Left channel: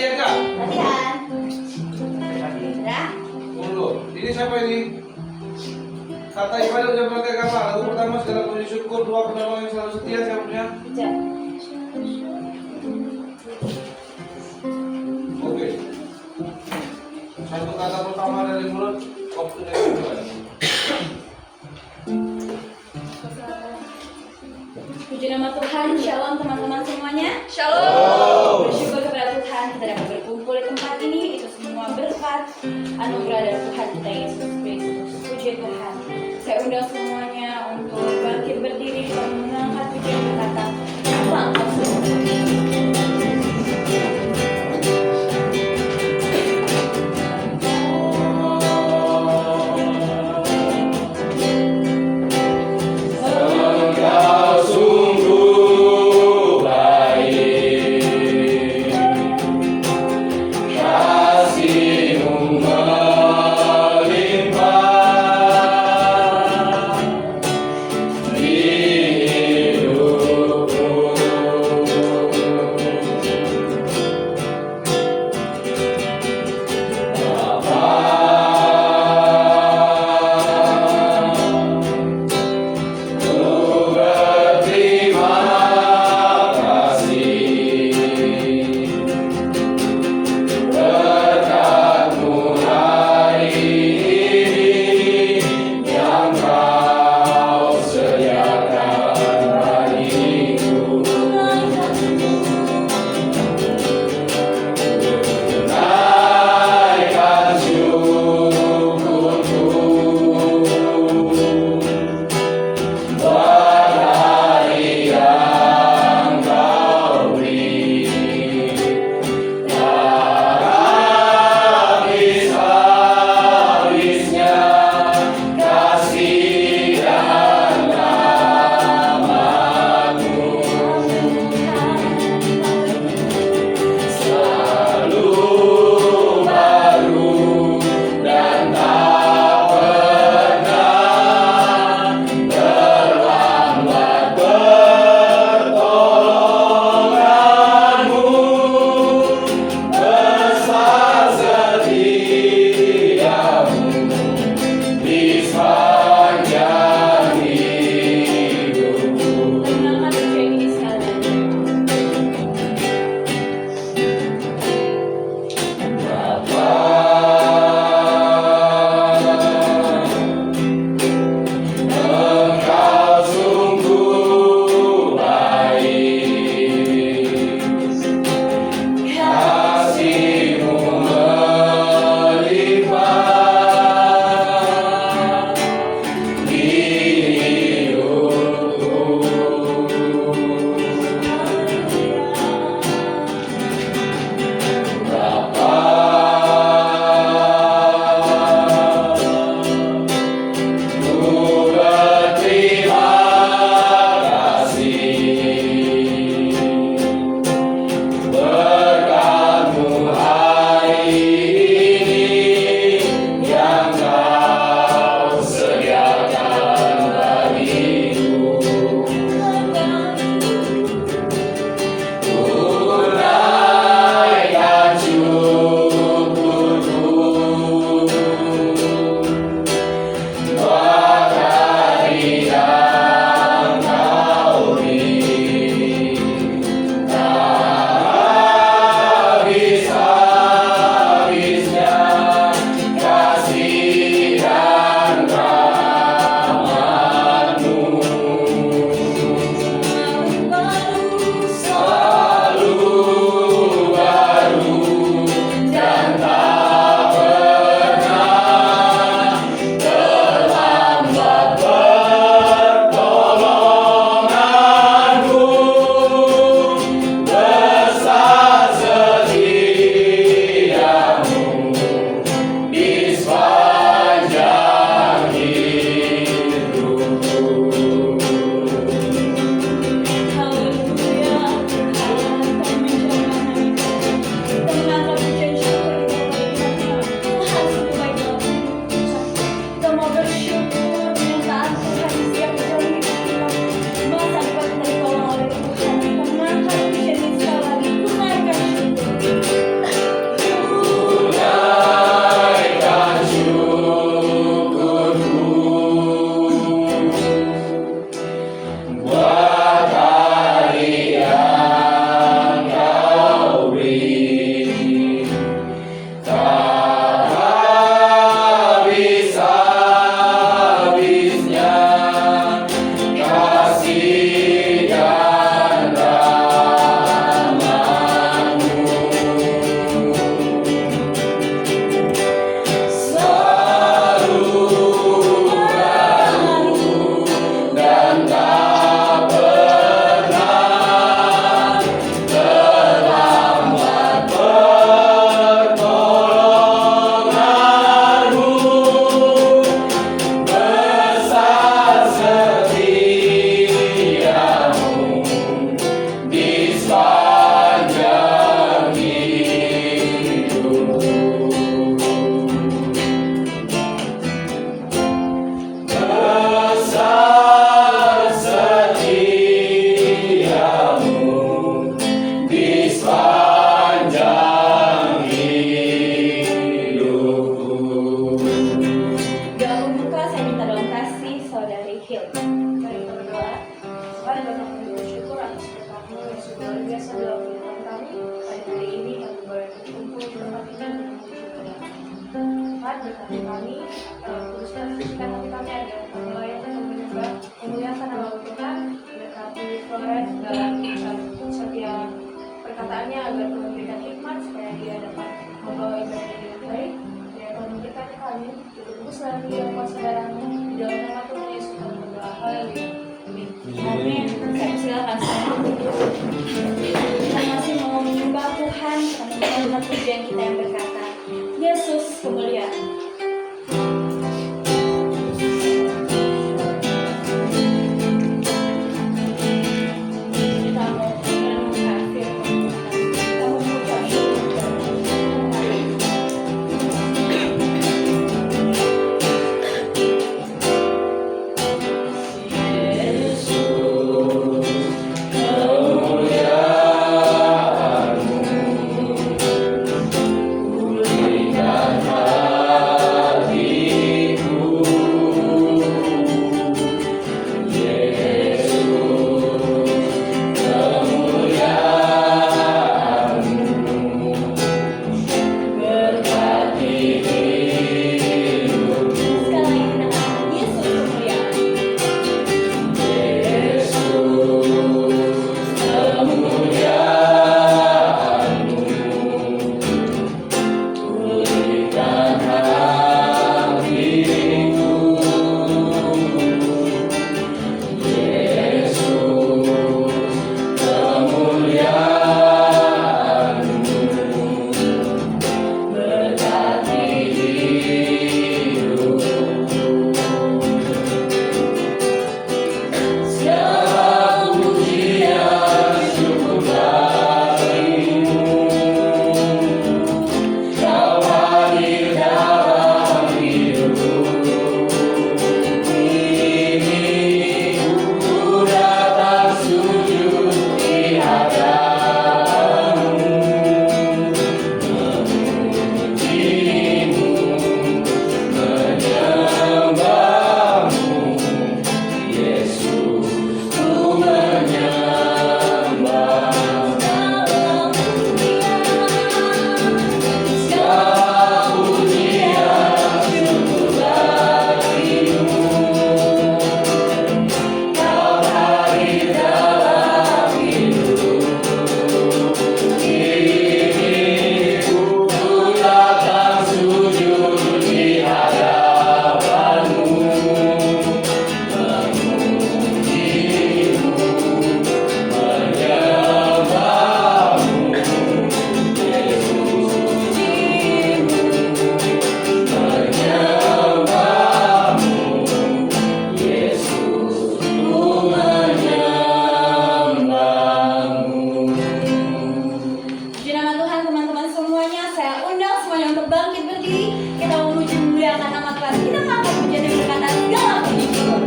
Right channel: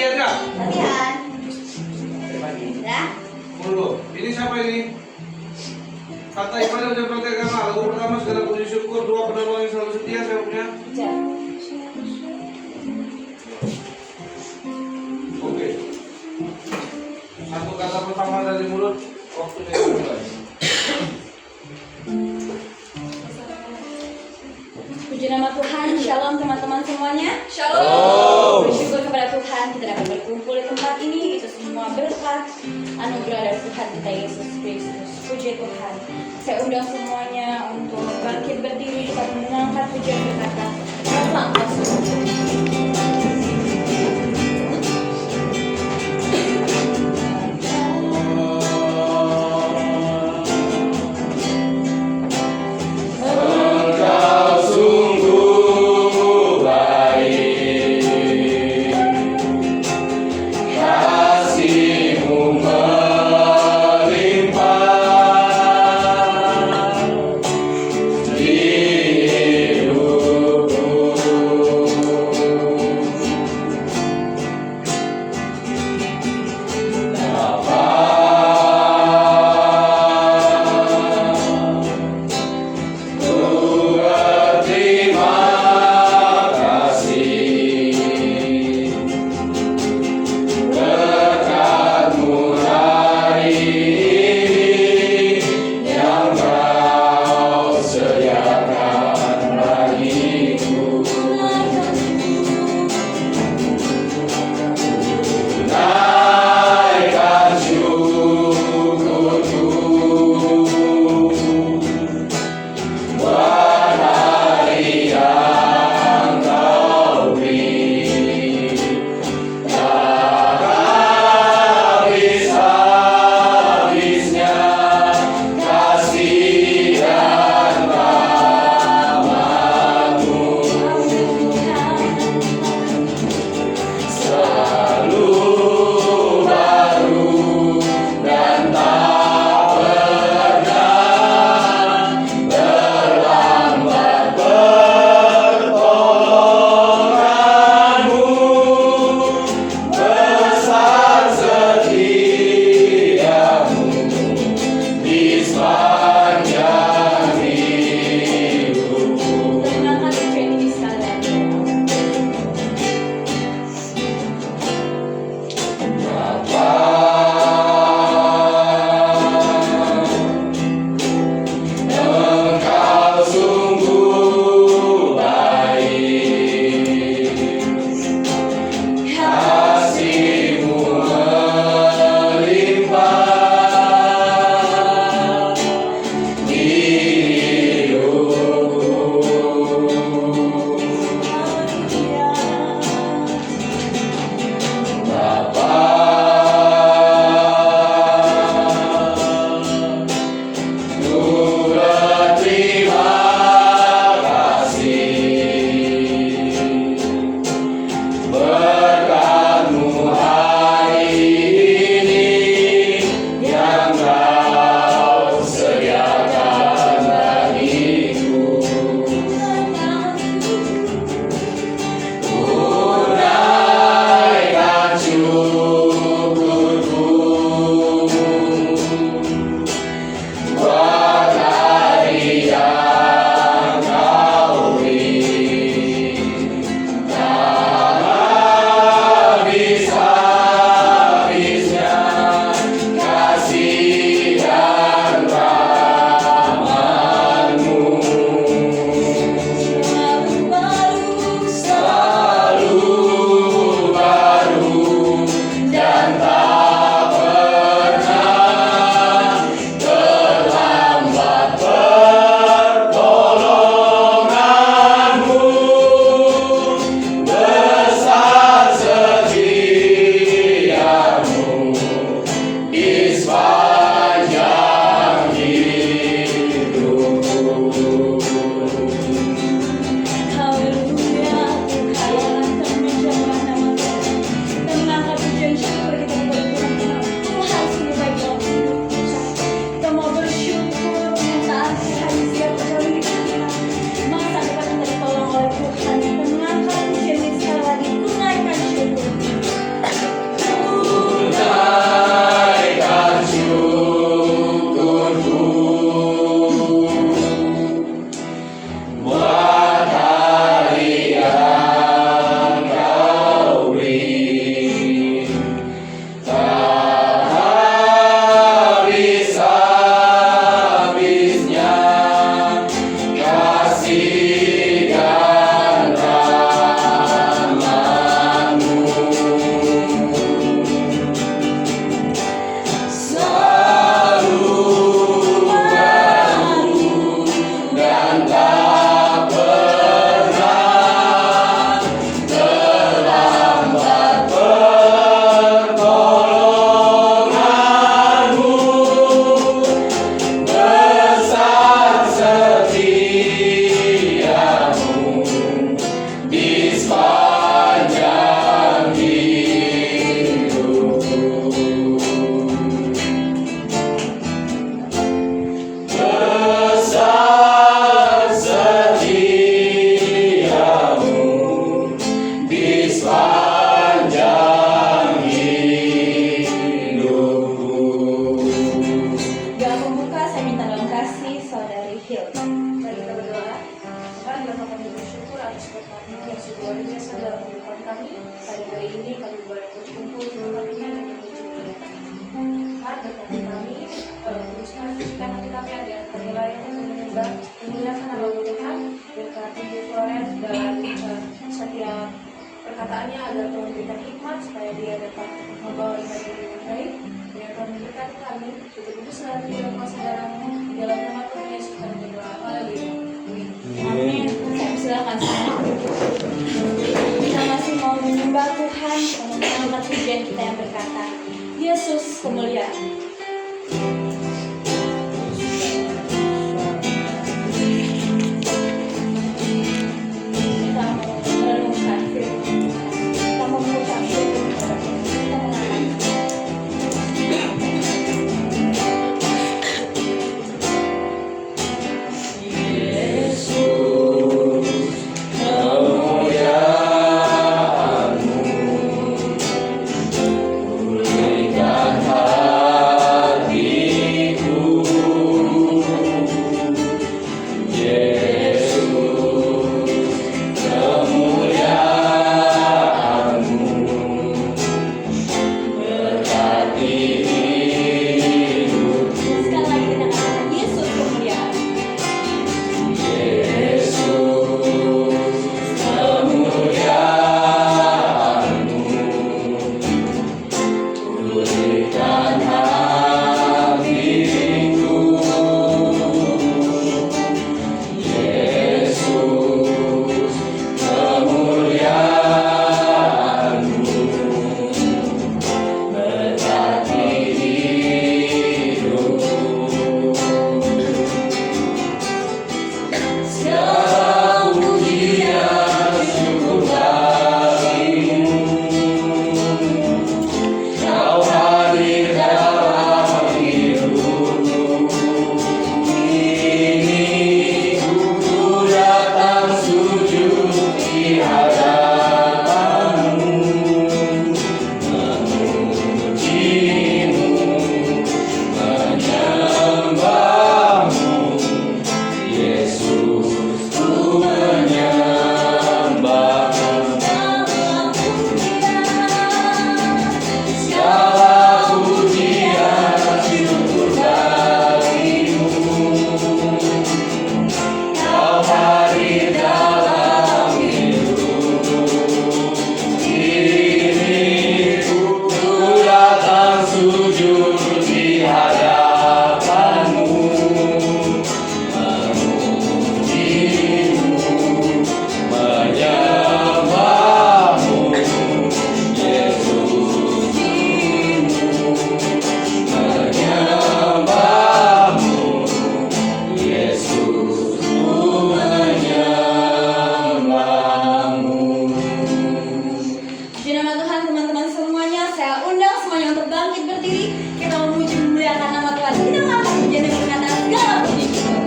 Latihan nggak? Latihan. Sudah? Tunggu. Ini siapa ini? Kata ibadah udah pakai agama. Lagu pertama segala puji syukur, dua penolong yang selalu setia. Siapa punya? Tiga. Oke. Satu kata pertama dari mulut. Waktunya dimulai. Puji nama Tuhan, shalom teman-teman semuanya. Shalom. Bersyukur kepada Tuhan kita dapat berkumpul di tempat ini. Itu semua berkat anugerah dari Tuhan kita Yesus Kristus. Puji Tuhan. Saya undang semuanya untuk bangkit berdiri, kita mengangkat pujian berkata, apa engkau semua? kita mengucapkan pujian kita yang berkata, Yesus kemuliaan. Kita mau merenungkan firman Tuhan. Kita mau mengucap syukur. Kita mengatakan, sekali lagi kita katakan, Yesus kemuliaan. Di nama Tuhan, teman-teman semuanya, saya undang semuanya untuk bangkit berdiri. Kita memuji memuliakan nama Tuhan. Kita mengangkat pujian dan berkata, segala puji syukur.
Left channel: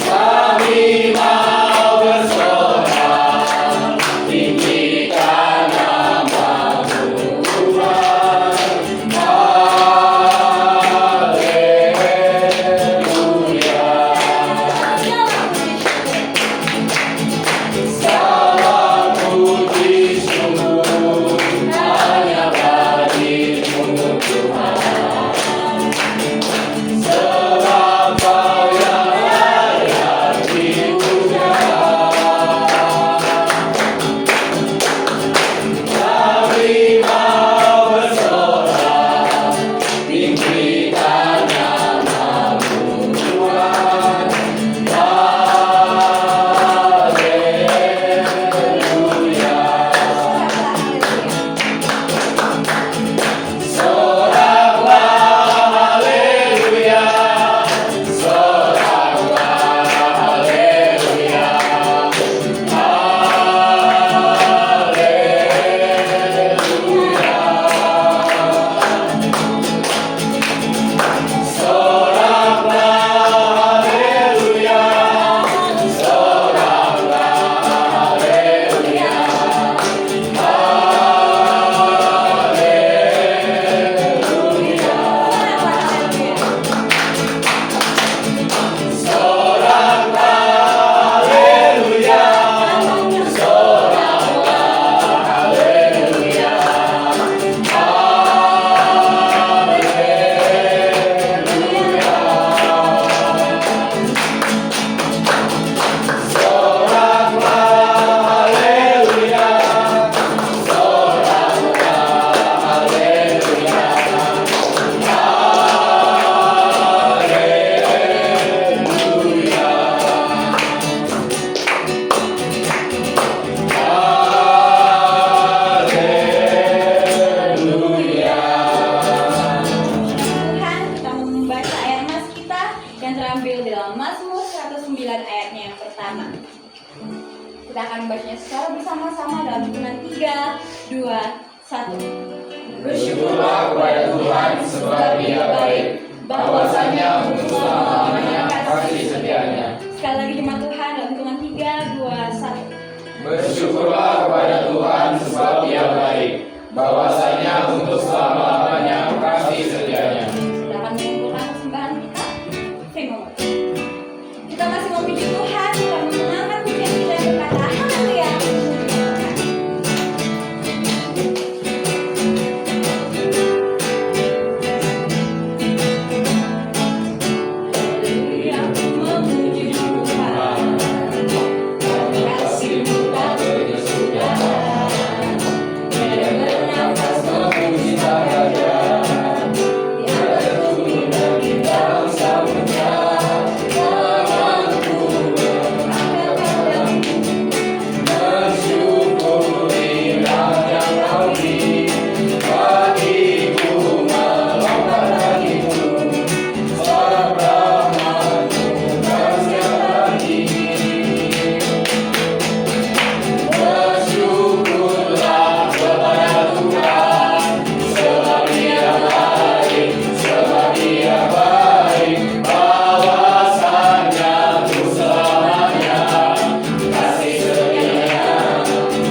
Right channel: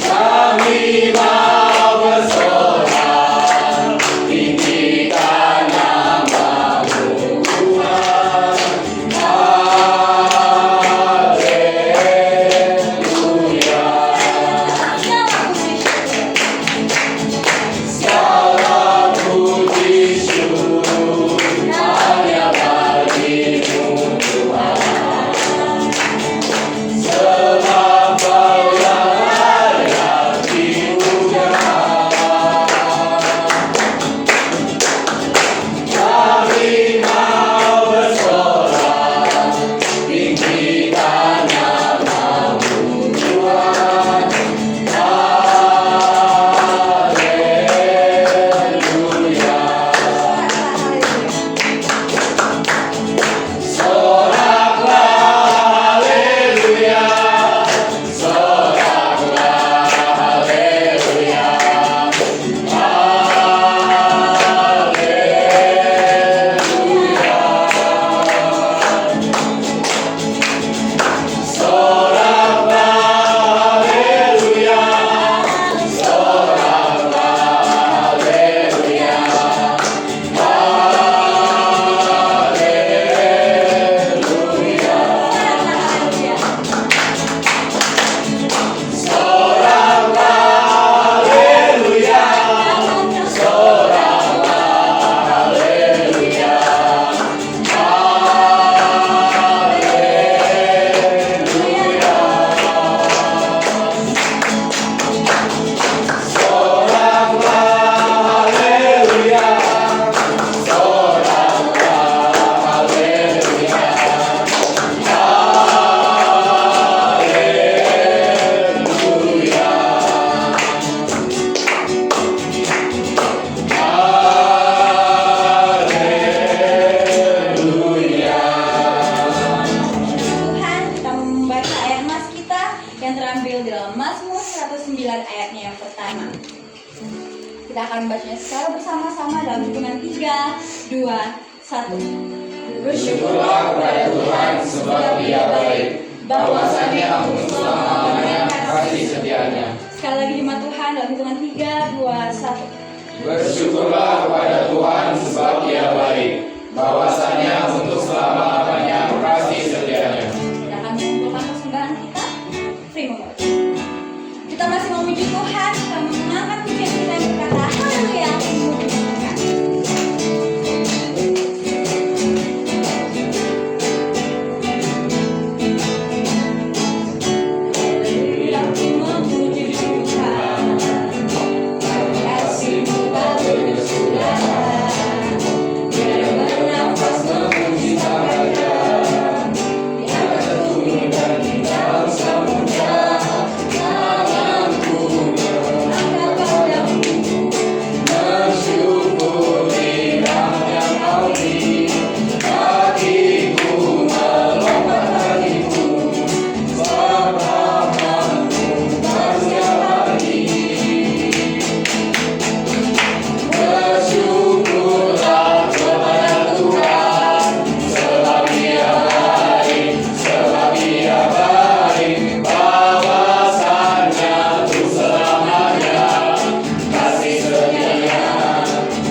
Kami yang terambil di dalam Mazmur 109 ayatnya yang pertama. Kita akan membacanya secara bersama-sama dalam hitungan 3, 2, 1. Bersyukurlah kepada Tuhan sebab Dia baik, bahwasanya untuk selama-lamanya kasih setianya. Sekali lagi jemaat Tuhan dalam hitungan 3, 2, 1. Bersyukurlah kepada Tuhan sebab Dia baik, bahwasanya untuk selama-lamanya kasih setianya. Kita akan mengumpulkan persembahan kita. Free moment. Kita masih memuji Tuhan, kita mengangkat pujian kita dan berkata haleluya. Memuji Tuhan. Haleluya, aku memuji Tuhan. Kasih-Mu tak berkesudahan. Biar bernafas memuji Saja. Di atas bumi dan di dalam samudra, tanganku mengangkat padamu, mensyukuri nama Kau di kakiku, melompat kakiku, sebab rahmat-Mu tak siap lagi. Bersyukurlah kepada Tuhan, sebab Dia baik, sebab Dia baik, bahwasanya untuk selamanya kasih setianya,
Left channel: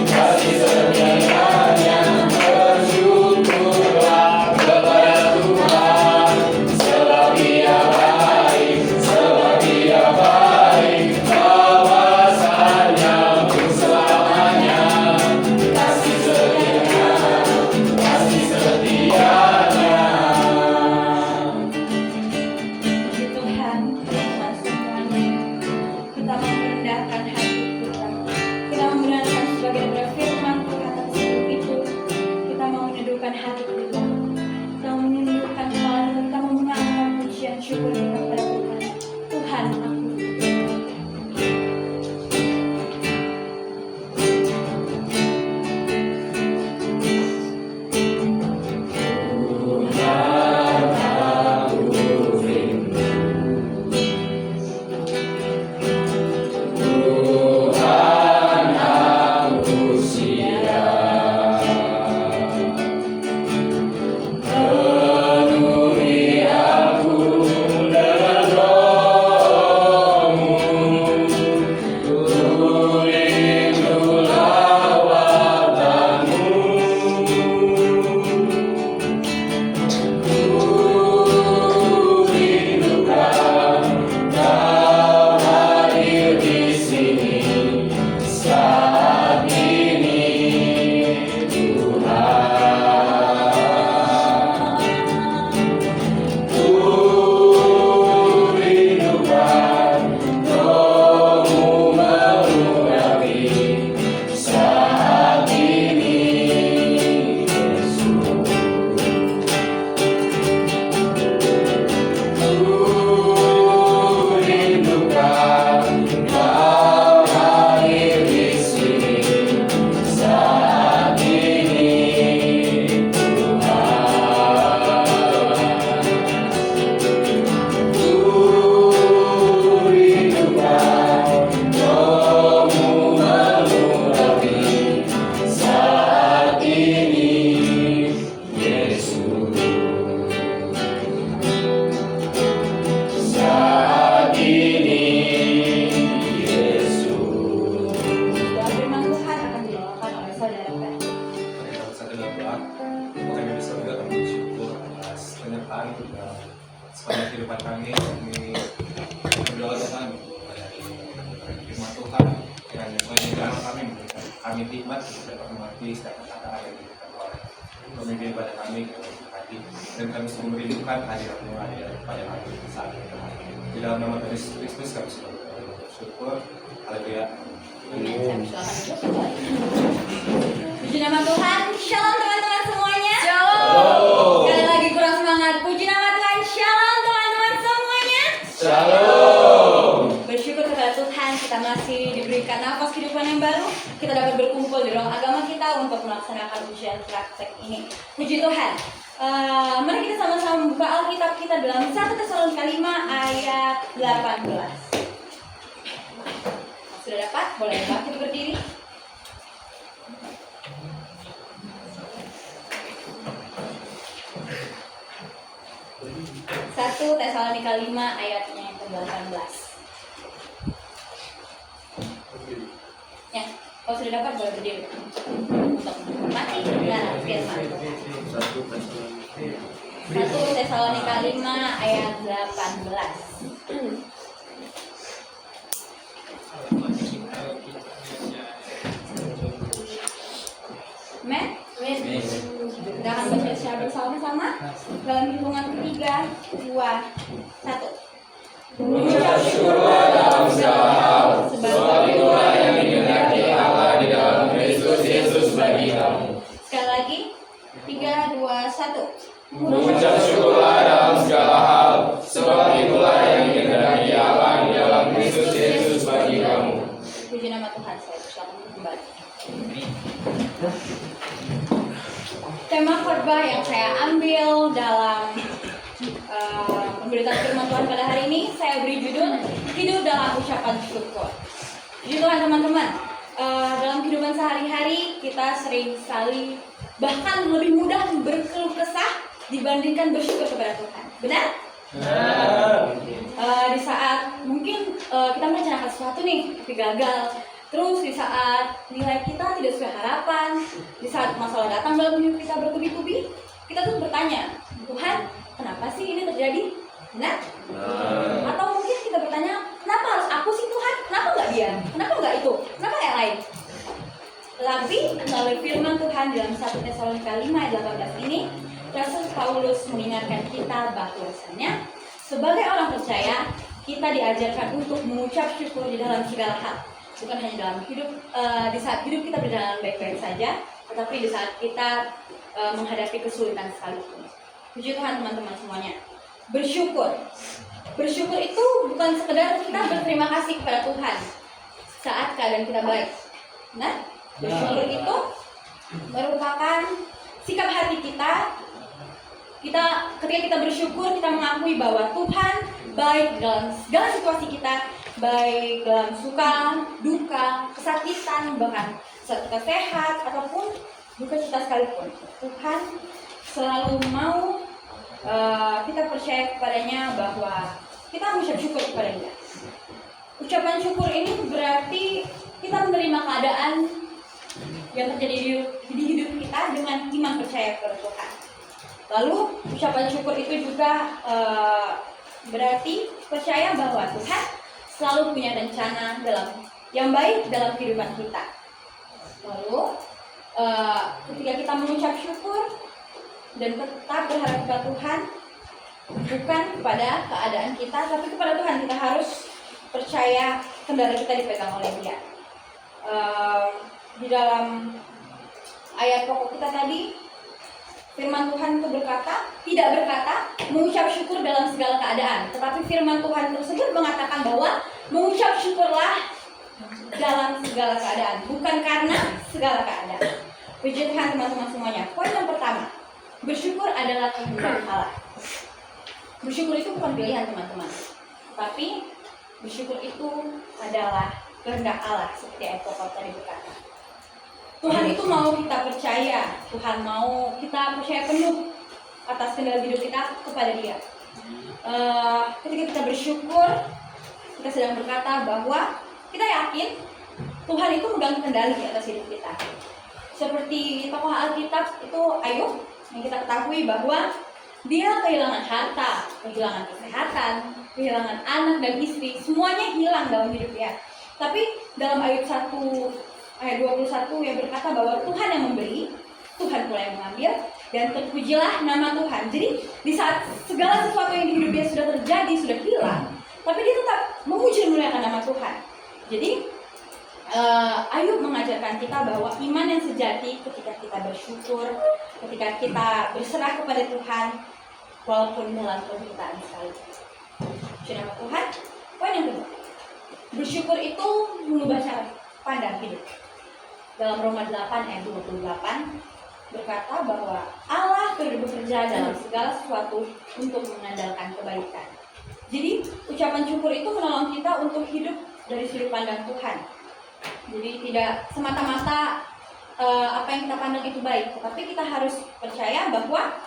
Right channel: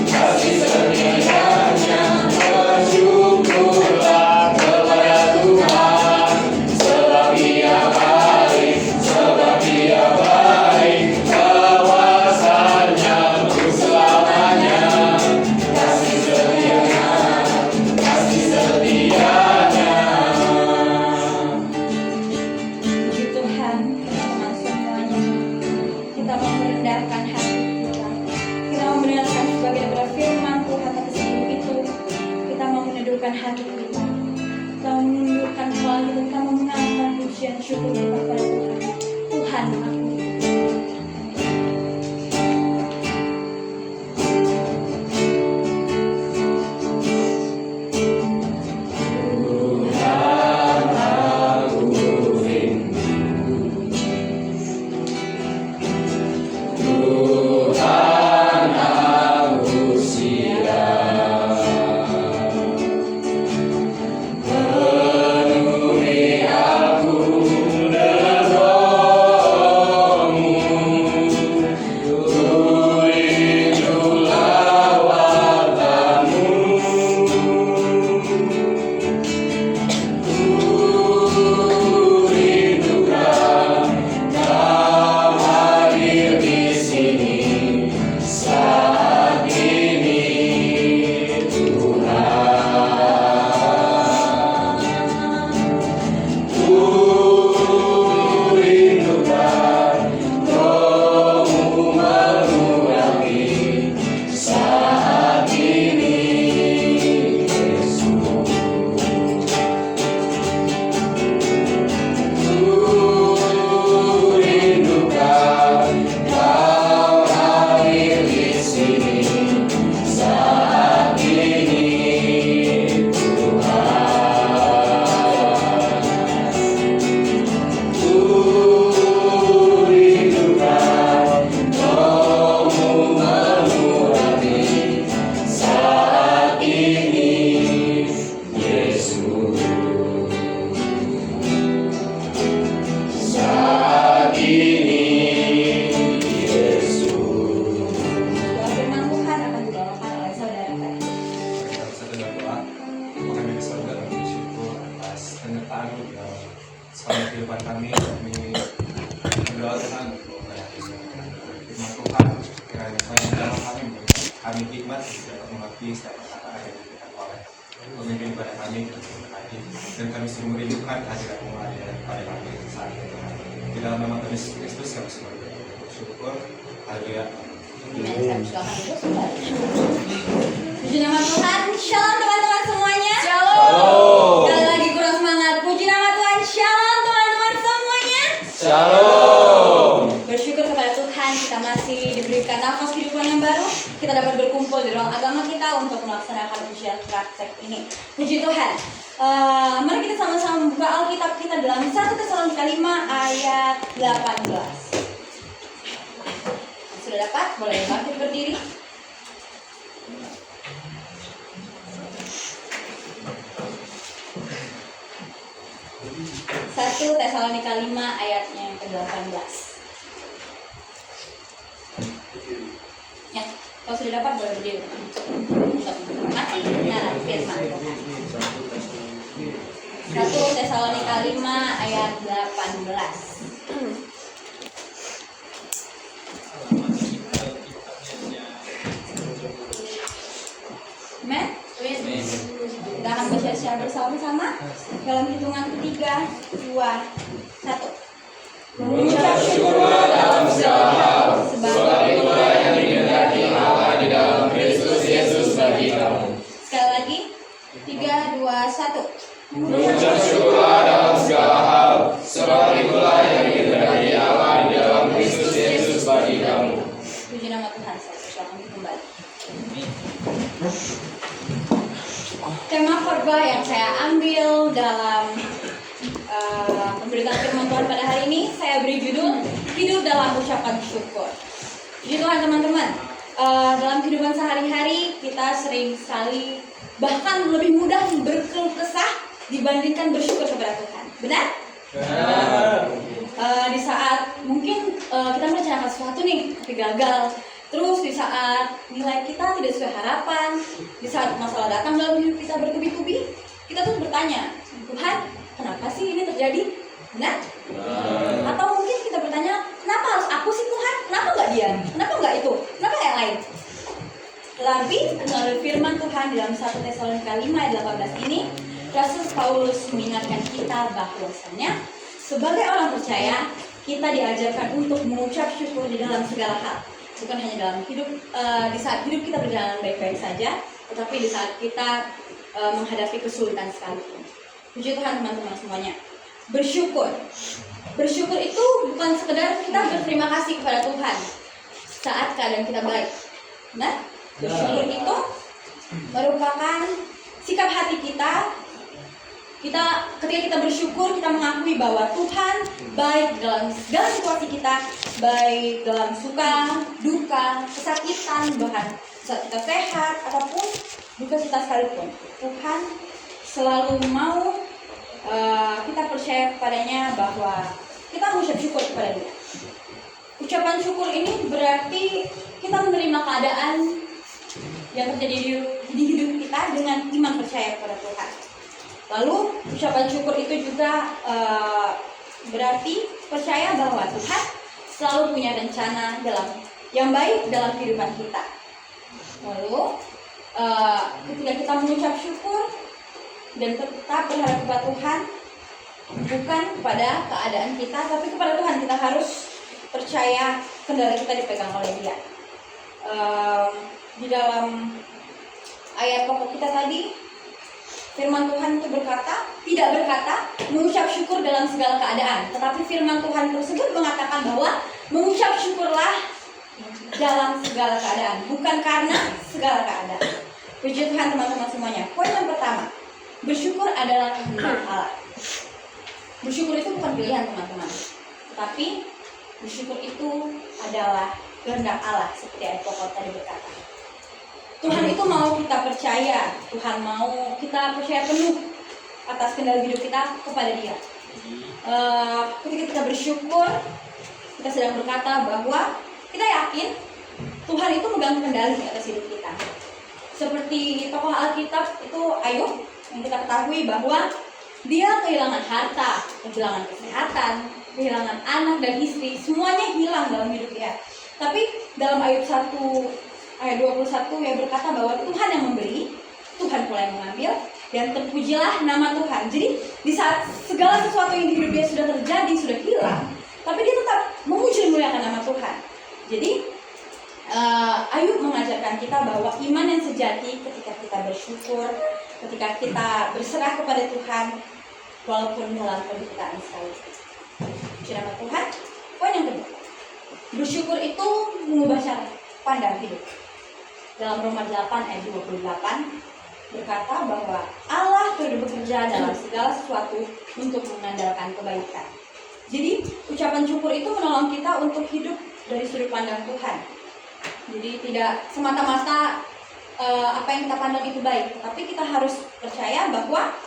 kasih setianya. Bersyukurlah kepada Tuhan, sebab Dia baik, sebab Dia baik, bahwasanya untuk selamanya kasih setianya, kasih setianya. Puji Tuhan, teman-teman semuanya. Kita mau merendahkan hati kita. Kita mau mendengarkan sebagian daripada firman Tuhan, tapi sebelum itu kita mau meneduhkan hati kita. Kita mau menundukkan kepala kita. Kita mau mengangkat pujian syukur kita kepada Tuhan. Tuhan, aku Tuhan aku siap, penuhi aku dengan Roh-Mu, ku lawatan-Mu, ku rindukan Kau hadir di sini saat ini, Tuhan. Ku rindukan Roh-Mu mengurapi saat ini, Yesus. Ku rindukan Kau hadir di sini saat ini, Tuhan. Ku rindukan Roh-Mu mengurapi saat ini, Yesus. Saat ini, Yesus. doa firman Tuhan akan dibawakan oleh saudara Teh. Kita bisa dalam doa. Kami bisa dalam bersyukur atas penyertaan-Mu dalam sepanjang kehidupan kami. Kami berdoa Tuhan untuk firman Tuhan. Kiranya semuanya dalam kami hikmat dapat mengerti setiap perkataan yang diberikan oleh pemimpin ibadah kami dan kami sungguh merindukan hadirat-Mu pada kami saat ini. Di dalam nama Tuhan Yesus Kristus kami sudah bersyukur. Haleluya. Amen. Saya persilakan dulu kembali. Puji nama Tuhan. Shalom teman-teman semuanya. Shalom. Sekali lagi kurang semangat. Puji nama Tuhan. Shalom teman-teman semuanya. Shalom. Bersyukur kepada Tuhan kita masih diberikan nafas kehidupan yang baru. Kita dapat berkumpul di ruang agama kita untuk melaksanakan ujian praktek ini. Puji Tuhan. Mari kita sama-sama membuka Alkitab kita dalam 1 Tesalonika 5 ayat 18. Sudah dapat? Boleh bangkit berdiri. Satu Tesalonika 5 ayatnya yang ke-18. Ya, kalau sudah dapat boleh berdiri untuk menikmati kebenaran firman Tuhan. 1 Tesalonika 5 ayat 18. Amen. Kita akan baca secara bersama-sama dalam hitungan 3, 2, 1. Mengucap syukurlah dalam segala hal, sebab itulah yang dikehendaki Allah di dalam Kristus Yesus bagi kamu. Sekali lagi, 3, 2, 1. Mengucap syukurlah dalam segala hal, sebab itulah yang dikehendaki Allah di dalam Kristus Yesus bagi kamu. Puji nama Tuhan, saya persilakan kembali. Tema khotbah yang saya ambil dalam pemberitaan firman Tuhan pada hari ini, saya beri judul Hidup dalam Ucapan Syukur. Puji Tuhan teman-teman, dalam kehidupan sehari-hari kita sering sekali bahkan lebih mudah berkeluh kesah dibandingkan bersyukur kepada Tuhan. Benar? Di saat mungkin kita merencanakan sesuatu nih tapi gagal, terus di saat nilai kita tidak sesuai harapan, di saat masalah datang dalam hidup kita bertubi-tubi, kita tuh bertanya, Tuhan, kenapa sih ini terjadi? Benar? Atau mungkin kita bertanya, kenapa harus aku sih Tuhan? Kenapa nggak dia? Kenapa nggak itu? Kenapa yang lain? Tapi melalui firman Tuhan dalam 1 Tesalonika 5 ayat 18 ini, Rasul Paulus mengingatkan kita bahwasanya sebagai orang percaya, kita diajarkan untuk mengucap syukur di dalam segala hal. Bukan hanya dalam hidup, di saat hidup kita berjalan baik-baik saja, tetapi di saat kita menghadapi kesulitan sekalipun. Puji Tuhan teman-teman semuanya. Bersyukur. Bersyukur itu bukan sekedar kita berterima kasih kepada Tuhan saat keadaan kita baik. Nah, bersyukur itu merupakan sikap hati kita. Ketika kita bersyukur, kita mengakui bahwa Tuhan baik dalam segala situasi kita, baik dalam suka, duka, kesakitan, bahkan saat kita sehat ataupun duka kita sekalipun. Tuhan selalu mau kita percaya kepadanya bahwa kita mengucap syukur kepada Dia. Ucapan syukur ini berarti kita menerima keadaan yang terjadi di hidup kita dengan iman percaya kepada Tuhan. Lalu ucapan syukur itu juga berarti percaya bahwa Tuhan selalu punya rencana yang baik dalam kehidupan kita. Lalu ketika kita mengucap syukur dan tetap berharap kepada Tuhan, bukan kepada keadaan kita, tapi kepada Tuhan, kita harus percaya kendali kita dipegang oleh Dia. Di dalam ayat pokok kita tadi, firman Tuhan itu tidak berkata mengucap syukur dalam segala keadaan, tetapi firman Tuhan tersebut mengatakan bahwa mengucap syukurlah dalam segala keadaan, bukan karena segala keadaan. Puji Tuhan teman-teman semuanya. Poin yang pertama, bersyukur adalah kehendak Allah. Bersyukur itu bukan pilihan teman-teman, tapi bersyukur itu adalah kehendak Allah, seperti ayat pokok tadi berkata. Tuhan itu mau kita percaya, Tuhan mau kita percaya penuh atas kendali hidup kita kepada Dia. Ketika kita bersyukur, kita sedang berkata bahwa kita yakin Tuhan itu megang kendali atas hidup kita. Seperti tokoh Alkitab itu Ayub, yang kita ketahui bahwa dia kehilangan harta, kehilangan kesehatan, kehilangan anak dan istri, semuanya hilang dalam hidup dia. Tapi dalam Ayub 1 ayat 21 yang berkata bahwa Tuhan yang memberi, Tuhan pula yang mengambil, dan terpujilah nama Tuhan. Jadi di saat segala sesuatu yang di hidup dia sudah terjadi, sudah hilang, tapi dia tetap memuji dan memuliakan nama Tuhan. Jadi Ayub mengajarkan kita bahwa iman yang sejati ketika kita bersyukur, ketika kita berserah kepada Tuhan, walaupun dalam penderitaan sekalipun. Puji nama Tuhan. Poin yang kedua, bersyukur itu mengubah cara pandang hidup. Dalam Roma 8 ayat 28 berkata bahwa Allah turut bekerja dalam segala sesuatu untuk mengandalkan kebaikan. Jadi ucapan syukur itu menolong kita untuk hidup dari sudut pandang Tuhan. Jadi tidak semata-mata apa yang kita pandang itu baik, tetapi kita harus percaya bahwa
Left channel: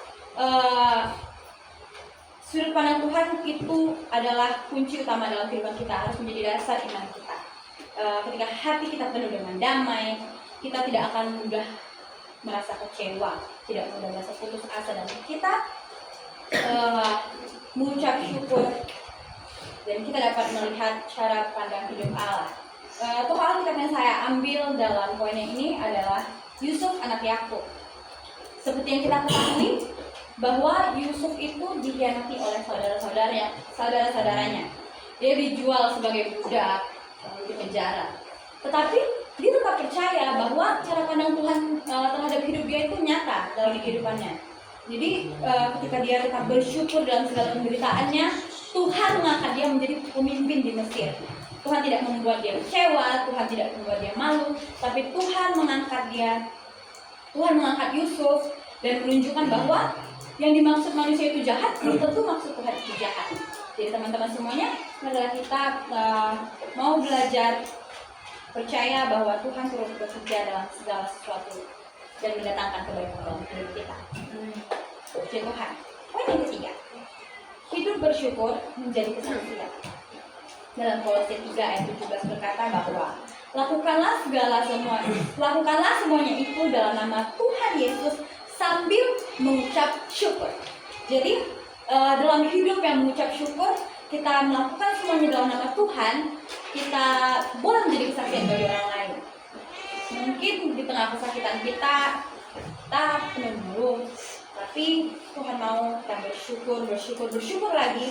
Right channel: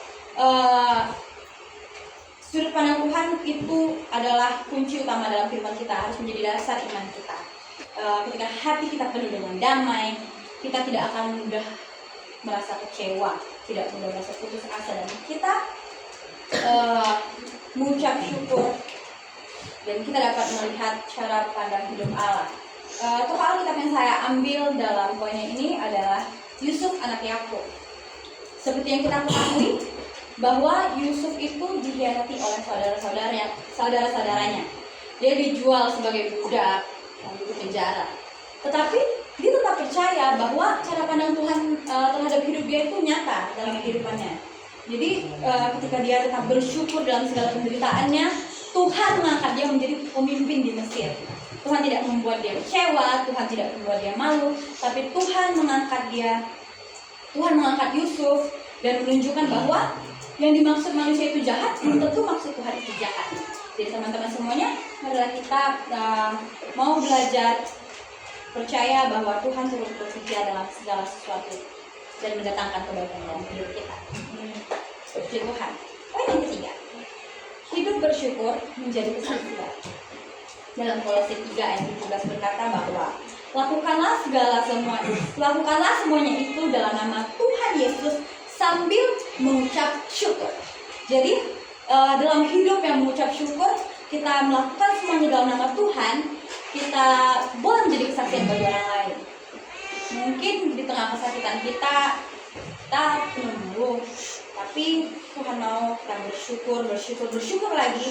sudut pandang Tuhan itu adalah kunci utama dalam kehidupan kita, harus menjadi dasar iman kita. Ketika hati kita penuh dengan damai, kita tidak akan mudah merasa kecewa, tidak mudah merasa putus asa, dan kita mengucap syukur, dan kita dapat melihat cara pandang hidup Allah. Tokoh Alkitab yang saya ambil dalam poinnya ini adalah Yusuf anak Yakub. Seperti yang kita ketahui bahwa Yusuf itu dikhianati oleh saudara-saudaranya. Dia dijual sebagai budak, lalu di penjara. Tetapi dia tetap percaya bahwa cara pandang Tuhan terhadap hidup dia itu nyata dalam kehidupannya. Jadi ketika dia tetap bersyukur dalam segala penderitaannya, Tuhan mengangkat dia menjadi pemimpin di Mesir. Tuhan tidak membuat dia kecewa, Tuhan tidak membuat dia malu, tapi Tuhan mengangkat dia. Tuhan mengangkat Yusuf dan menunjukkan bahwa yang dimaksud manusia itu jahat, belum tentu maksud Tuhan itu jahat. Jadi teman-teman semuanya, marilah kita mau belajar percaya bahwa Tuhan terus bekerja dalam segala sesuatu dan mendatangkan kebaikan dalam hidup kita. Puji Tuhan. Poin yang ketiga, hidup bersyukur menjadi kesaksian. Dalam Kolose 3 ayat 17 berkata bahwa lakukanlah semuanya itu dalam nama Tuhan Yesus sambil mengucap syukur. Jadi dalam hidup yang mengucap syukur, kita melakukan semuanya dalam nama Tuhan, kita boleh menjadi kesaksian bagi orang lain. Mungkin di tengah kesakitan kita penuh mulu, tapi Tuhan mau kita bersyukur lagi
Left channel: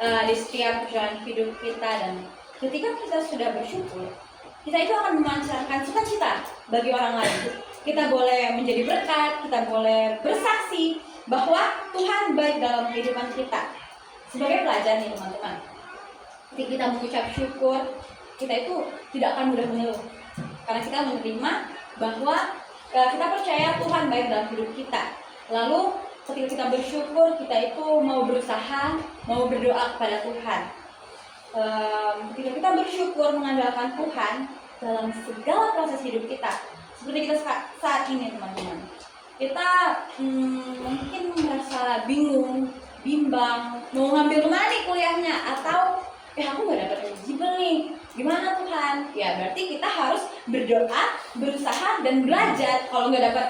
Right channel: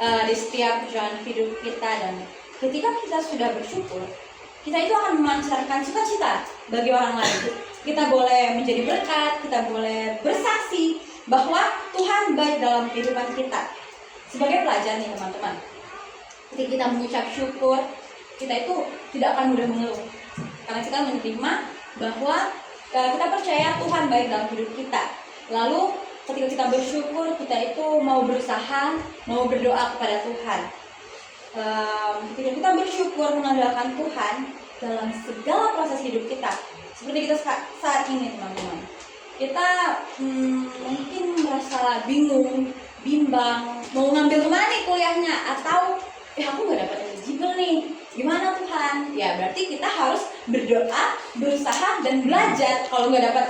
di setiap perjalanan hidup kita. Dan ketika kita sudah bersyukur, kita itu akan memancarkan sukacita bagi orang lain. Kita boleh menjadi berkat, kita boleh bersaksi bahwa Tuhan baik dalam kehidupan kita. Sebagai pelajar nih teman-teman, ketika kita mengucap syukur, kita itu tidak akan mudah mengeluh, karena kita menerima bahwa kita percaya Tuhan baik dalam hidup kita. Lalu ketika kita bersyukur, kita itu mau berusaha, mau berdoa kepada Tuhan. Ketika kita bersyukur mengandalkan Tuhan dalam segala proses hidup kita, seperti kita saat ini teman-teman, kita mungkin merasa bingung, bimbang, mau ngambil kemana nih kuliahnya, atau aku nggak dapat eligible nih, gimana Tuhan? Ya berarti kita harus berdoa, berusaha, dan belajar. Kalau nggak dapat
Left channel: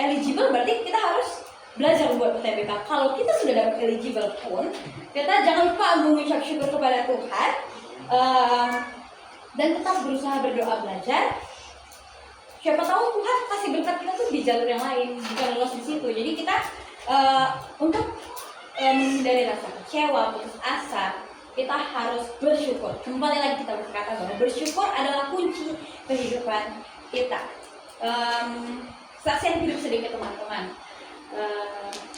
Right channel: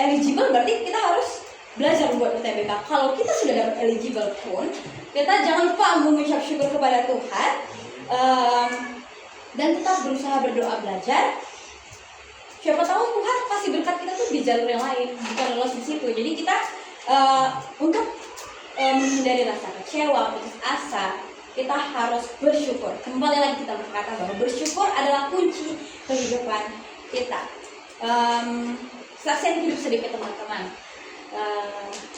eligible, berarti kita harus belajar buat UTBK. Kalau kita sudah dapat eligible pun, kita jangan lupa mengucap syukur kepada Tuhan, dan tetap berusaha berdoa, belajar. Siapa tahu Tuhan kasih berkat kita tuh di jalur yang lain, bukan lolos di situ. Jadi kita untuk menghindari rasa kecewa, putus asa, kita harus bersyukur. Kembali lagi kita berkata bahwa bersyukur adalah kunci kehidupan kita. Saksian hidup sedikit teman-teman.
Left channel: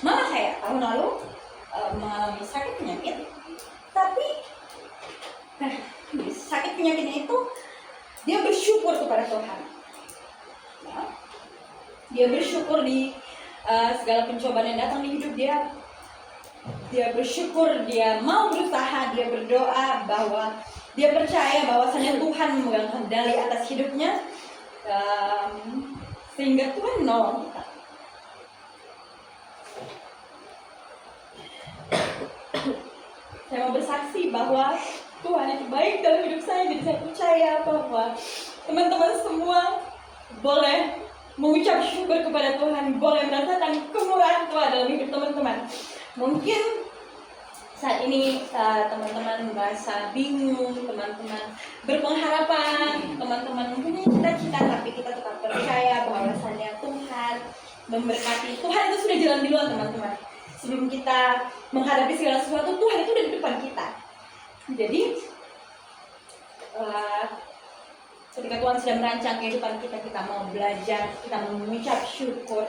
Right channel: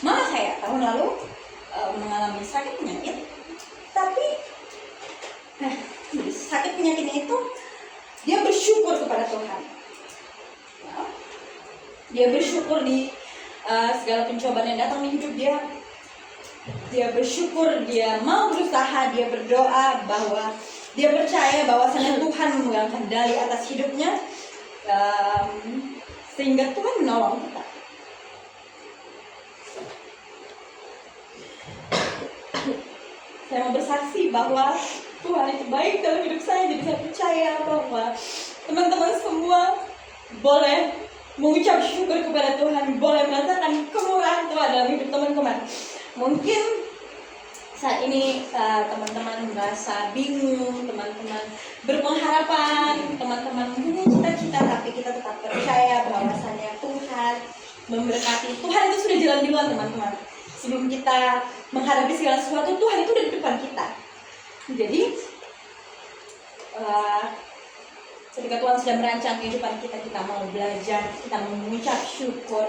Mama saya tahun lalu mengalami sakit penyakit, tapi sakit penyakitnya itu dia bersyukur kepada Tuhan. Dia bersyukur di segala pencobaan yang datang di hidup dia. Dia bersyukur, dia mau berusaha, dia berdoa bahwa dia percaya bahwasanya Tuhan memegang kendali atas hidupnya, sehingga Tuhan menolong kita. Saya mau bersaksi bahwa Tuhan itu baik dalam hidup saya, jadi saya percaya bahwa teman-teman semua boleh mengucap syukur kepada Tuhan, boleh merasakan kemurahan Tuhan dalam hidup teman-teman. Mungkin saat ini teman-teman merasa bingung, teman-teman berpengharapan, teman-teman mempunyai cita-cita, tapi kita tetap percaya bahwasannya Tuhan memberkati. Tuhan itu sudah jalan duluan teman-teman. Sebelum kita menghadapi segala sesuatu, Tuhan itu udah di depan kita. Jadi ketika Tuhan sudah merancang kehidupan kita, kita mau belajar, kita mengucap syukur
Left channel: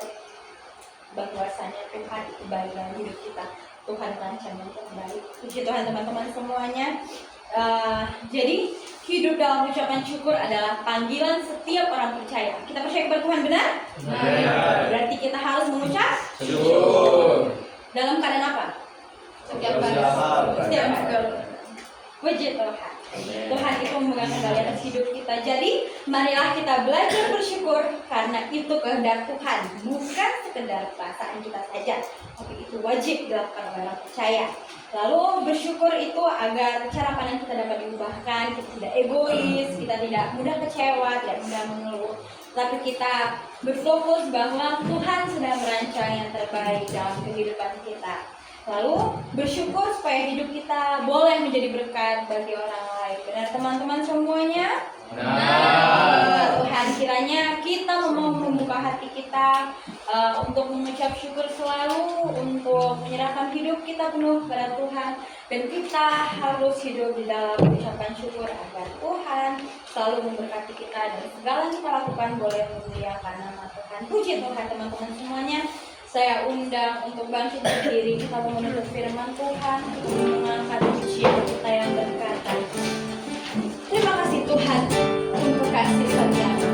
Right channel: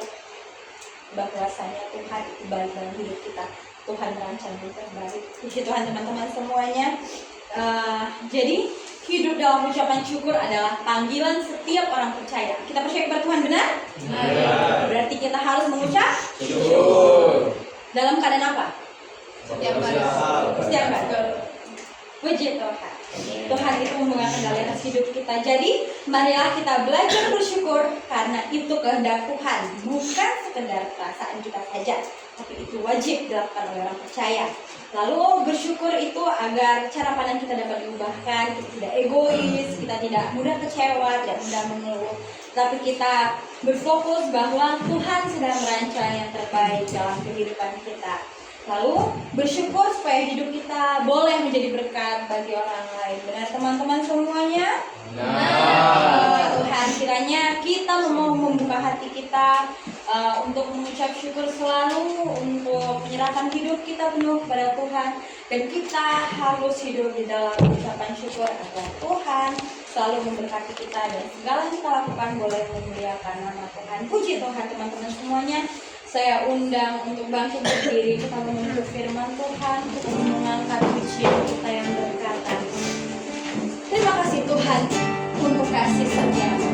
bahwasanya Tuhan itu baik dalam hidup kita. Tuhan merancang yang terbaik. Puji Tuhan teman-teman semuanya. Jadi hidup dalam ucapan syukur adalah panggilan setiap orang percaya. Kita percaya kepada Tuhan, benar? Berarti kita harus mengucap syukur. Dalam keadaan apa? Setiap hari. Puji Tuhan. Tuhan itu memegang kendali atas hidup kita. Jadi marilah kita belajar bersyukur karena itu kehendak Tuhan, bukan sekedar perasaan kita saja, tapi itu wajib dilakukan oleh orang percaya. Lalu bersyukur itu agar cara pandang kita dapat diubahkan, kita tidak egois, kita tidak mudah kecewa, tidak mudah mengeluh, tapi kita berfokus bahwa Tuhan sedang merancang yang terbaik dalam kehidupan kita. Lalu bersyukur supaya hidup kita boleh menjadi berkat bagi orang lain. Benar teman-teman semuanya? Tuhan, kiranya kita mau membuka hati kita untuk mengucap syukur selalu, untuk menyerahkan hidup kita penuh kepada Tuhan, dan kita harus hidup di dalam ucapan syukur agar Tuhan selalu memberkati kita dan segala yang kita lakukan boleh memuliakan nama Tuhan. Puji Tuhan teman-teman semuanya. Saya undang untuk bangkit berdiri, kita menuntut firman Tuhan, kita mengangkat pujian kita yang berkata, terima kasih Tuhan untuk kasih setia-Mu.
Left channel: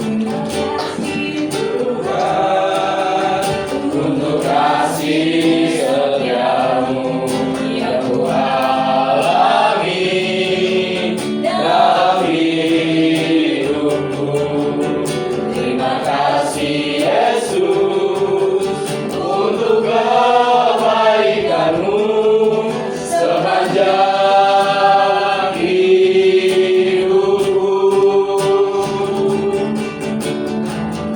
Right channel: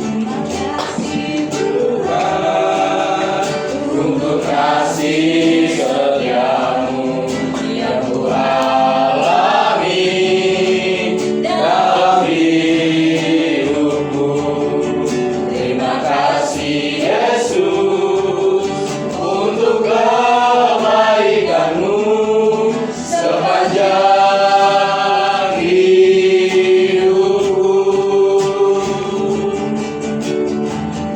Terima kasih Tuhan untuk kasih setia-Mu yang Tuhan alami dalam hidupku. Terima kasih Yesus untuk kebaikan-Mu sepanjang hidupku.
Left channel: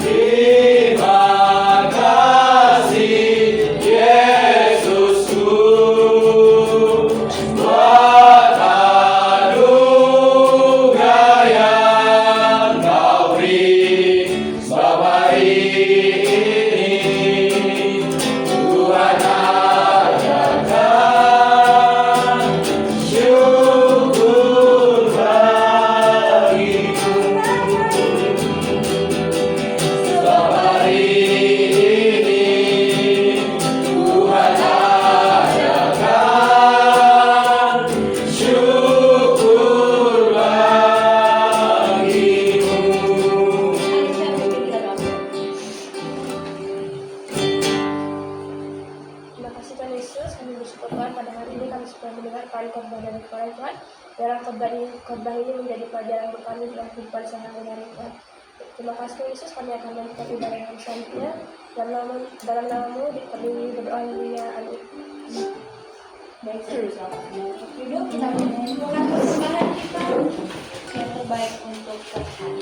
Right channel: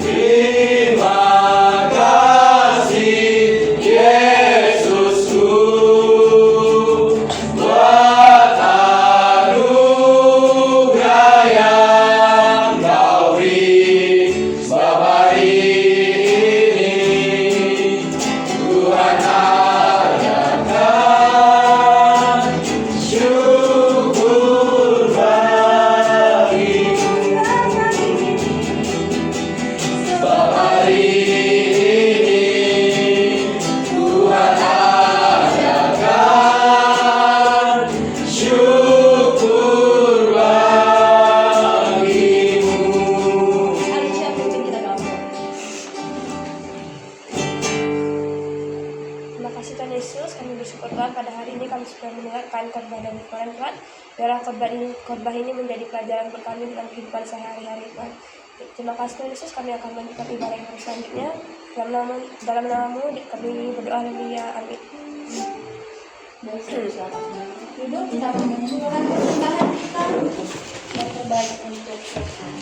Terima kasih Yesusku buat anugerah yang Kau beri sebab hari ini Tuhan ajarkan syukur bagiku. Sebab hari ini Tuhan ajarkan syukur bagimu. Ayo siapa yang kita doa. Terima kasih Tuhan Yesus, kami bersyukur Tuhan pada hari ini kami sudah mendengarkan khotbah dari Tuhan Tuhan. Biarlah khotbah ini menjadi pelajaran buat kami dalam kehidupan sehari-hari Tuhan. Terima kasih Tuhan Yesus, kami akan melanjutkan ibadah yang selanjutnya. Dalam namamu kami berdoa, haleluya, amin. Baik, silakan untuk hidup, kita mengumpulkan persembahan kita yang terbaik untuk Tuhan.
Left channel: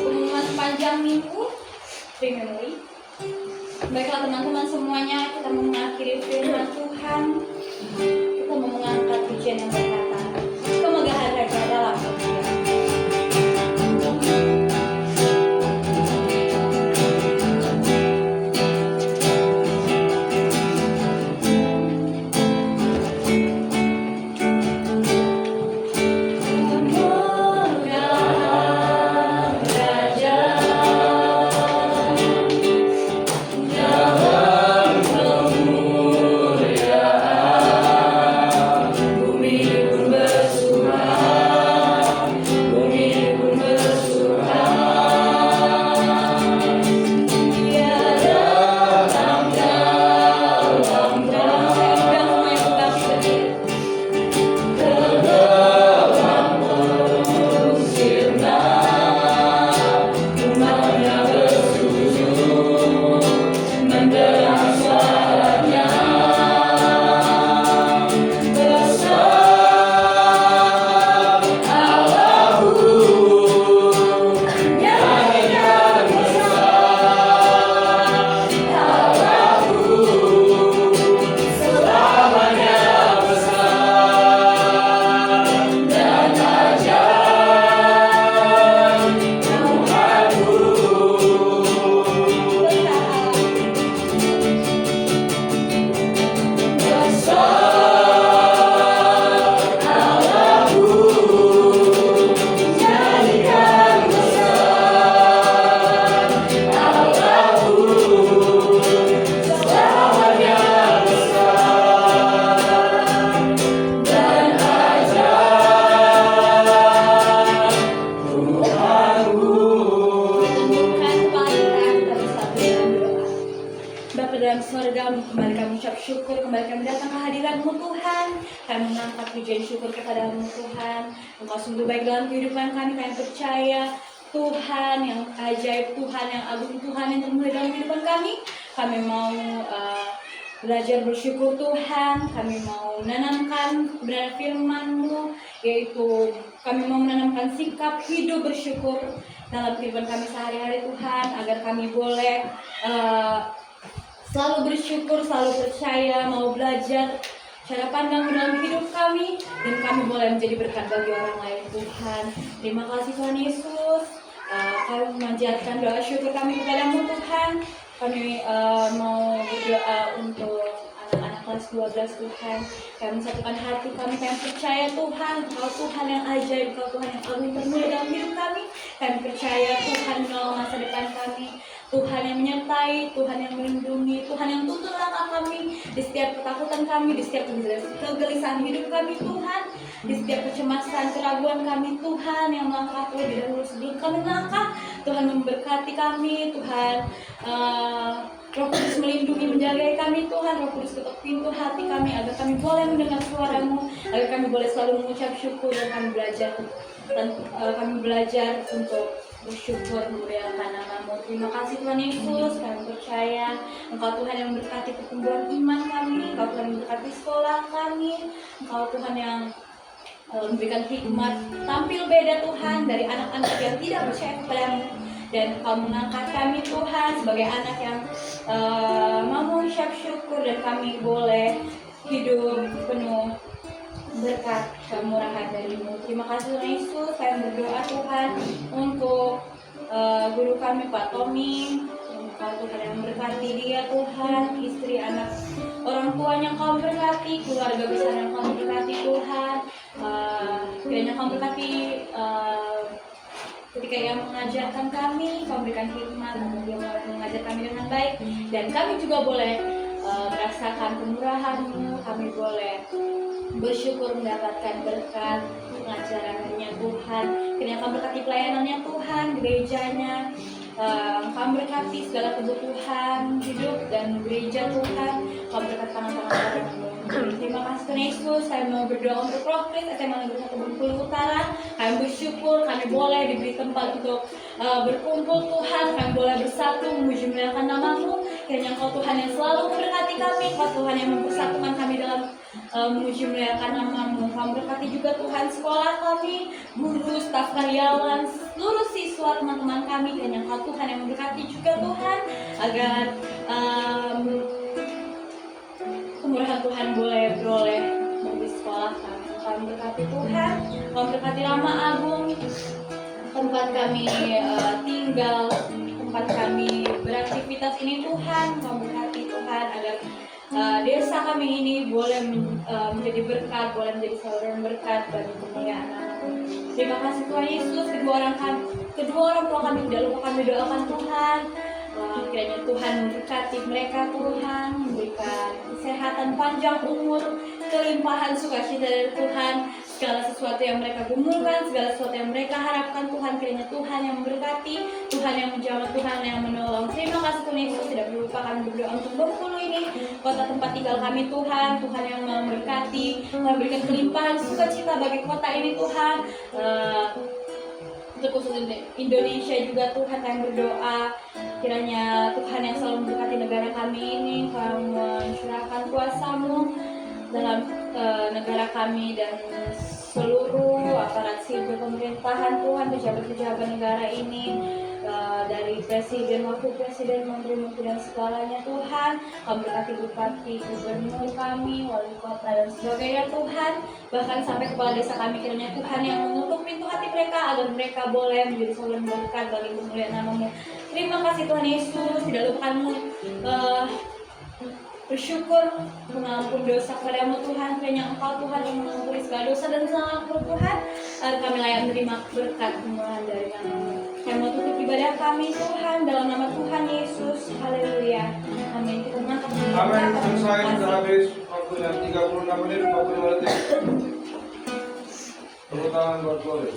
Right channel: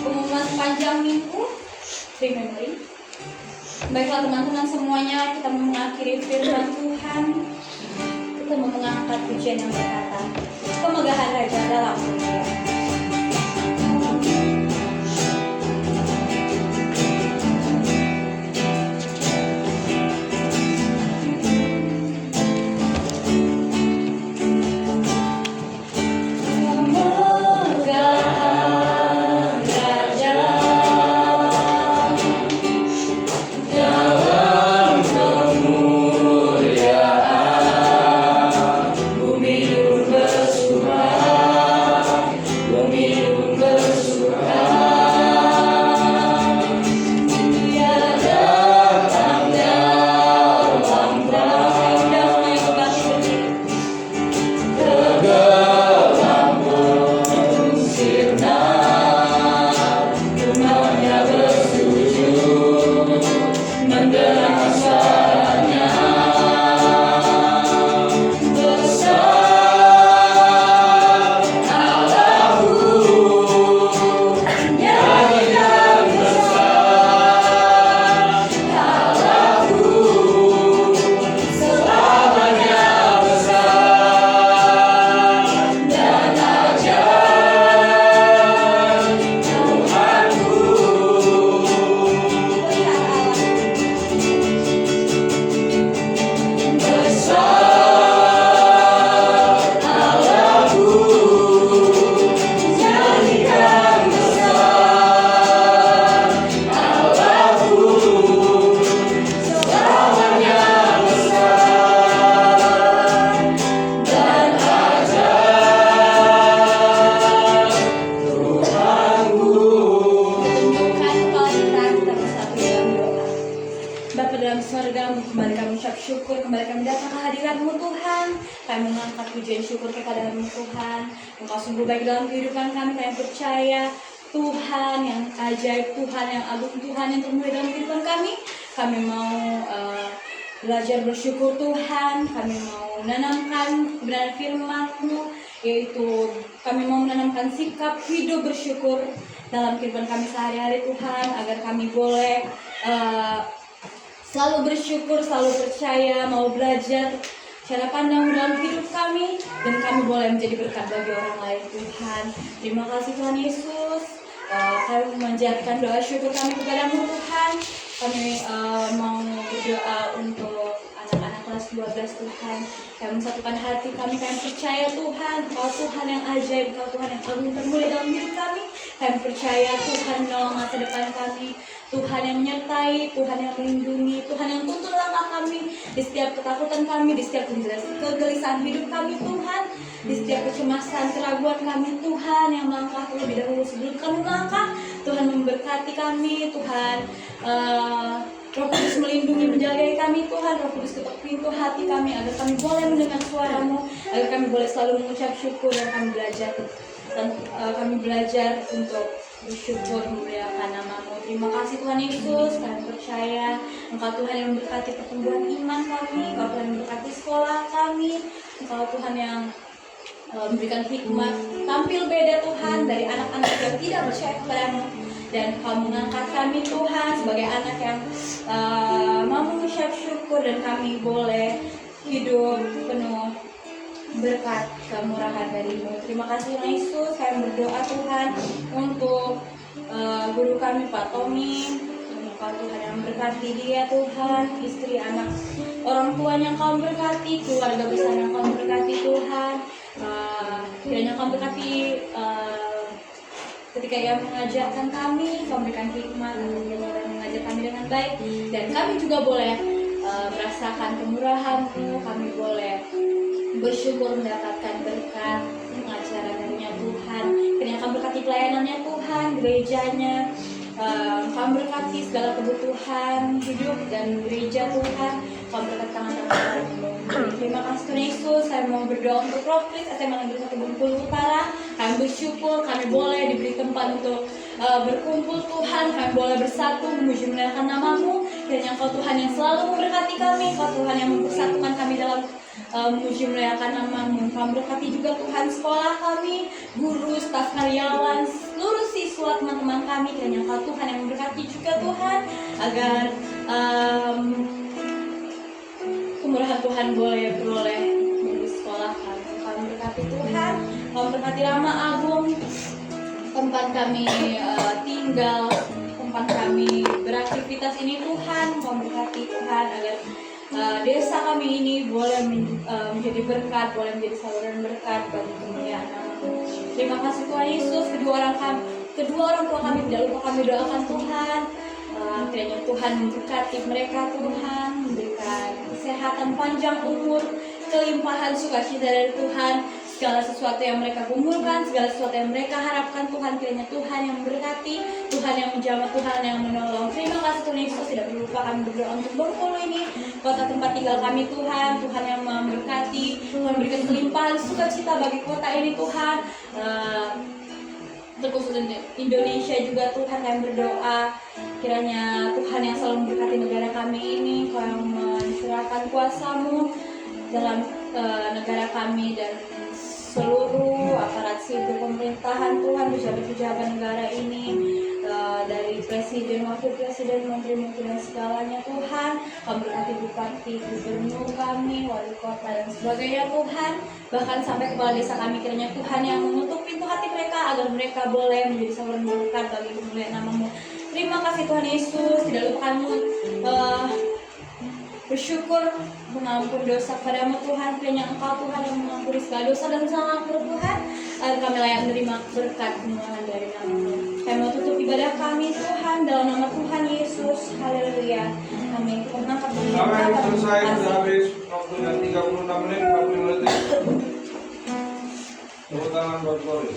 Pengumuman sepanjang minggu, remembering. Baiklah teman-teman semuanya, kita mengakhiri firman Tuhan. Kita mau mengangkat pujian yang berkata, kemegahan Raja dalam kemuliaan. Kemegahan Raja Dalam kemuliaan bumi Kami mengangkat pujian syukur kepada-Mu Tuhan. Engkau sungguh baik dalam kehidupan kami. Kami percaya Tuhan yang ajaib, Tuhan yang agung, Tuhan yang termulia dalam kehidupan kami. Kami mau belajar bersyukur Tuhan. Kami mau menanamkan kebenaran firman-Mu, yaitu kami mau menanamkan sikap hidup bersyukur dalam kehidupan kami sehari-hari Tuhan, agar kami boleh selalu bersyukur, selalu percaya, mau belajar cara pandang dalam hidup kami, dan kami boleh menjadi berkat bagi orang lain Tuhan. Terima kasih Tuhan Yesus. Kami memanjatkan doa syukur kami kepada-Mu Tuhan. Kami mau berdoa untuk anak-anak kelas 12 Tuhan. Kami mensatukan hati kami percaya Tuhan, Engkau Tuhan yang ajaib, Engkau Tuhan yang agung termulia dalam hidup kami. Kami percaya Tuhan menolong masa depan kami, Tuhan yang menyertai, Tuhan yang melindungi, Tuhan yang tuntun langkah kami di setiap ketakutan kami, di setiap kegelisahan hidup kami Tuhan, di setiap kecemasan, keraguan kami Tuhan yang melangkah terlebih dahulu sebelum kami melangkah. Tuhan memberkati kami, Tuhan Roh Kudus melindungi, menjaga kami Tuhan. Roh Kudus ketuk pintu hati kami agar kami boleh mendengar suara-Mu, agar kami boleh selalu mengucap syukur, dan kami belajar untuk bersyukur memuliakan nama-Mu. Terima kasih Tuhan Yesus. Kami percaya Engkau Tuhan yang memberkati pertumbuhan iman kami, Engkau Tuhan yang memberkati sekolah kami, Engkau Tuhan yang memberikan hikmat tampil beda Tuhan dari anak-anak yang tidak percaya kepada-Mu, dan Engkau mengangkat kami Tuhan sebagai anak yang mau mengucap syukur, dan kami boleh hidup penuh berkat kemurahan dari-Mu. Terima kasih Tuhan Yesus. Kami berdoa Tuhan untuk guru kami Pak Tommy. Engkau Tuhan yang memberkati dia Tuhan, istri, anak, orang tuanya Engkau berkati, keluarga besar yang Engkau berkati Tuhan. Kiranya Engkau berkati ketika ia mengajarkan kami, Kau berikan hikmat agar dia boleh mengajar kami dengan baik, dan kami juga boleh merasakan kemurahan-Mu. Kami boleh bersyukur mendapatkan berkat pengajaran darinya Tuhan. Kiranya Kau berkati pelayanannya Tuhan, gerejanya. Kau berkati segala kebutuhan hidup dan gereja Tuhan. Kau berkati tangan-tangan orang-Mu. Terima kasih Tuhan Yesus. Saya mau berdoa untuk Roh Kris SMA Negeri 1 Bengkulu Utara. Kami bersyukur kami boleh diberi tempat untuk berkumpul Tuhan. Kami boleh bersatu memuji memuliakan nama-Mu. Kiranya Engkau Tuhan yang selalu memberkati kami, Engkau Tuhan yang mempersatukan kami dalam memuji memuliakan nama-Mu. Kami berkati juga Tuhan sekolah kami, guru, staf karyawan, seluruh siswa, teman-teman kami. Kiranya Engkau Tuhan yang memberkati juga Tuhan, agar kemurahan Tuhan boleh beroleh di sekolah kami. Kami berkati Tuhan, kami berkati Rama Agung, tempat kami tinggal, tempat kami beraktivitas ini Tuhan. Kami berkati Tuhan agar desa kami ini boleh menjadi berkat, boleh menjadi saluran berkat bagi kemuliaan nama-Mu. Terima kasih Tuhan Yesus. Kedua orang tua kami tidak lupa kami doakan Tuhan. Kiranya Tuhan memberkati mereka Tuhan, memberikan kesehatan, panjang umur, kelimpahan sukacita dari Tuhan. Segala sesuatu yang mereka gumulkan, segala sesuatu yang mereka harapkan Tuhan, kiranya Tuhan yang memberkati, Tuhan yang menjamah, Tuhan yang menolong. Terima kasih Tuhan Yesus. Tidak perlu lupa kami berdoa untuk Bengkulu ini, kota tempat tinggal kami Tuhan. Tuhan yang memberkati, memberikan kelimpahan sukacita bagi kota ini Tuhan. Terkhusus Indonesia juga Tuhan, kami berdoa kiranya Tuhan yang selalu memberkati negara kami ini. Kau mencurahkan kuasa-Mu dalam negara kami dan seluruh aparat sipil pemerintahan Tuhan, pejabat-pejabat negara ini, dari presiden, wakil presiden, menteri-menteri dan segalanya Tuhan. Kau berkati bupati, gubernur kami, wali kota dan sebagainya Tuhan. Bahkan sampai kepala desa kami, kiranya Tuhan yang mengutuk pintu hati mereka agar mereka boleh menjadi saluran berkat bagi kemuliaan nama-Mu. Terima kasih Tuhan Yesus. Tidak lupa kami bersyukur mengampun dosa kepada-Mu Tuhan. Kiranya Engkau Tuhan yang mengampuni segala dosa dan kesalahan Tuhan, agar kami layak menerima berkat kemurahan dari nama-Mu. Kami mau tutup ibadah kami Tuhan dalam nama Tuhan Yesus. Haleluya. Amin. Kita mengangkat diri. Amin. Selesai sudah habis 36 menit 45 detik. Tepuk tangan buat Glory.